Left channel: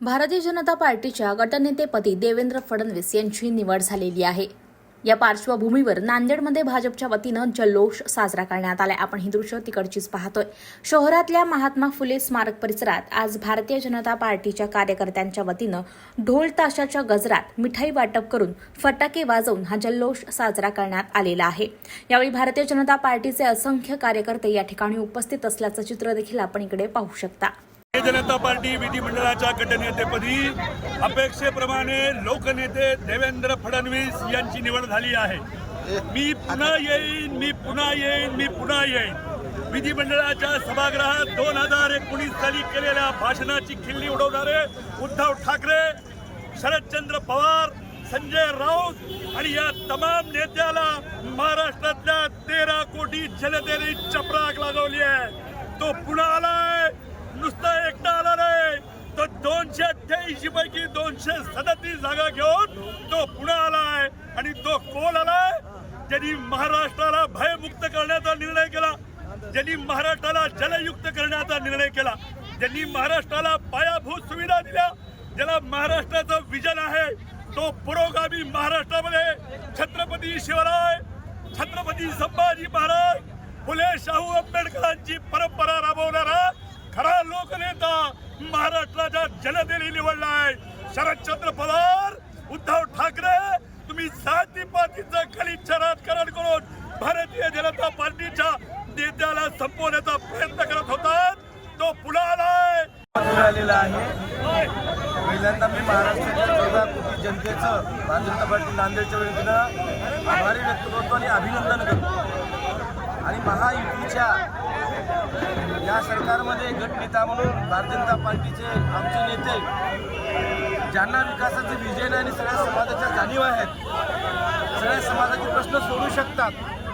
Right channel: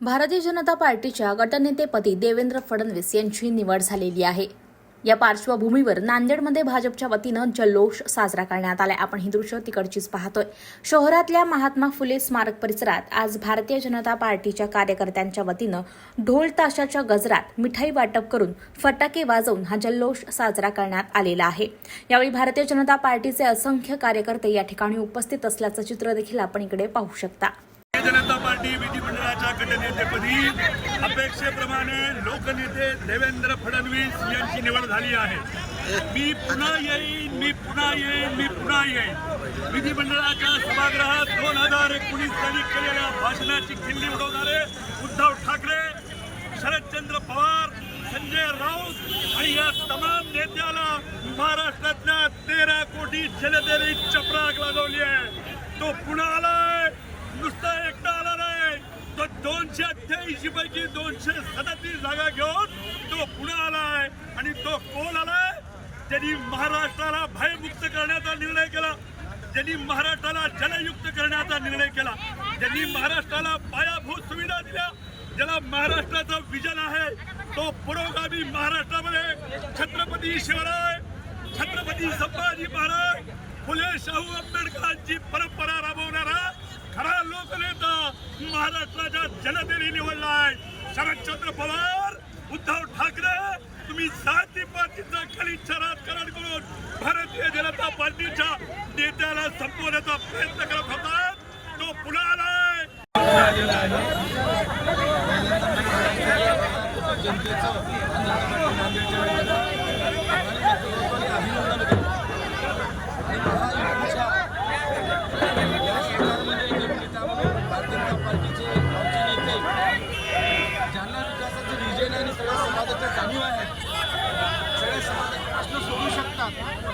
भारतीय जनता पार्टीच्या गटनेतेपदी देवेंद्र फडणवीस यांची निवड झालेली आहे। या पार्श्वभूमीवर नांदेडमध्ये भाजपच्या वतीनं जल्लोष साजरा करण्यात आलाय। आपण ही दृश्य तिकडचीच पाहतोय। शहरातल्या महात्मा फुले स्मारक परिसरात आज भारतीय जनता पार्टीच्या कार्यकर्त्यांच्या वतीनं ढोल ताशाच्या गजरात मिठाई वाटप करून फटाके वाजवून हा जल्लोष साजरा करण्यात आलेला आहे। यावेळी भारतीय जनता पार्टीचे असंख्य कार्यकर्ते या ठिकाणी उपस्थित असल्याचं चित्र देखील आपण इकडे पाहू शकता। भारतीय जनता पार्टी विधिमंडळाच्या गटनेतेपदी अपेक्षेप्रमाणे लोकनेते देवेंद्र फडणवीस यांची निवड झाली आहे। मी पुन्हा येईन विधिमंडळाच्या सभागृहात 2019 साली केलेल्या भाषणाची खिल्ली उडवणारे उद्धव ठाकरे, शरदचंद्र पवार, संजय राऊत आणि या तमाम नेत्याला महाराष्ट्रातल्या 13 कोटी जनतेने चपराक लागवली आहे। तो पुन्हा आलाय, नुसतं एकटा आला नाही, तो 288 पैकी 237 जागा घेऊन तो पुणे आलाय। आणि तो कोण आलाय? ज्यांनी महाराष्ट्राला भयमुक्त करण्याचा निर्णय केला, ज्यांनी महाराष्ट्राला जलयुक्त करण्याचा निर्णय केला, ज्यांनी महाराष्ट्राला पायाभूत सुविधा दिल्या, ज्याला महाराष्ट्राचं विजन आहे, तो पुरोगामी महाराष्ट्रामध्ये छत्रपती शिवराय, छत्रपती संभाजी महाराज, फुले शाहू आंबेडकरांची परंपरा राबवणारा खरा लोकनेता महाराष्ट्राच्या जनतेने निवडला आहे। शरदचंद्र पवार, उद्धव ठाकरे, तुम्ही जातीपातीचं गलिच्छ राजकारण करून भारतीय जनता पार्टीच्या नेत्याला संपवण्याचा प्रयत्न करत होता, तो पुन्हा आलाय। आलेला आहे। पहिल्यांदा मी महाराष्ट्राच्या 14 कोटी जनतेचं भारतीय जनता पार्टी नांदेडच्या वतीनं आभारी व्यक्त करतो आणि अभिनंदन करतो। आणि महायुतीच्या या सरकारमध्ये गटनेता म्हणून भारतीय जनता पार्टीचे आमचे नेते, ज्यांना विकासाचे विजन आणि सगळ्या समाजाच्या जाणीव आहेत, सगळ्या समाजाचे प्रश्न सोडू शकतात,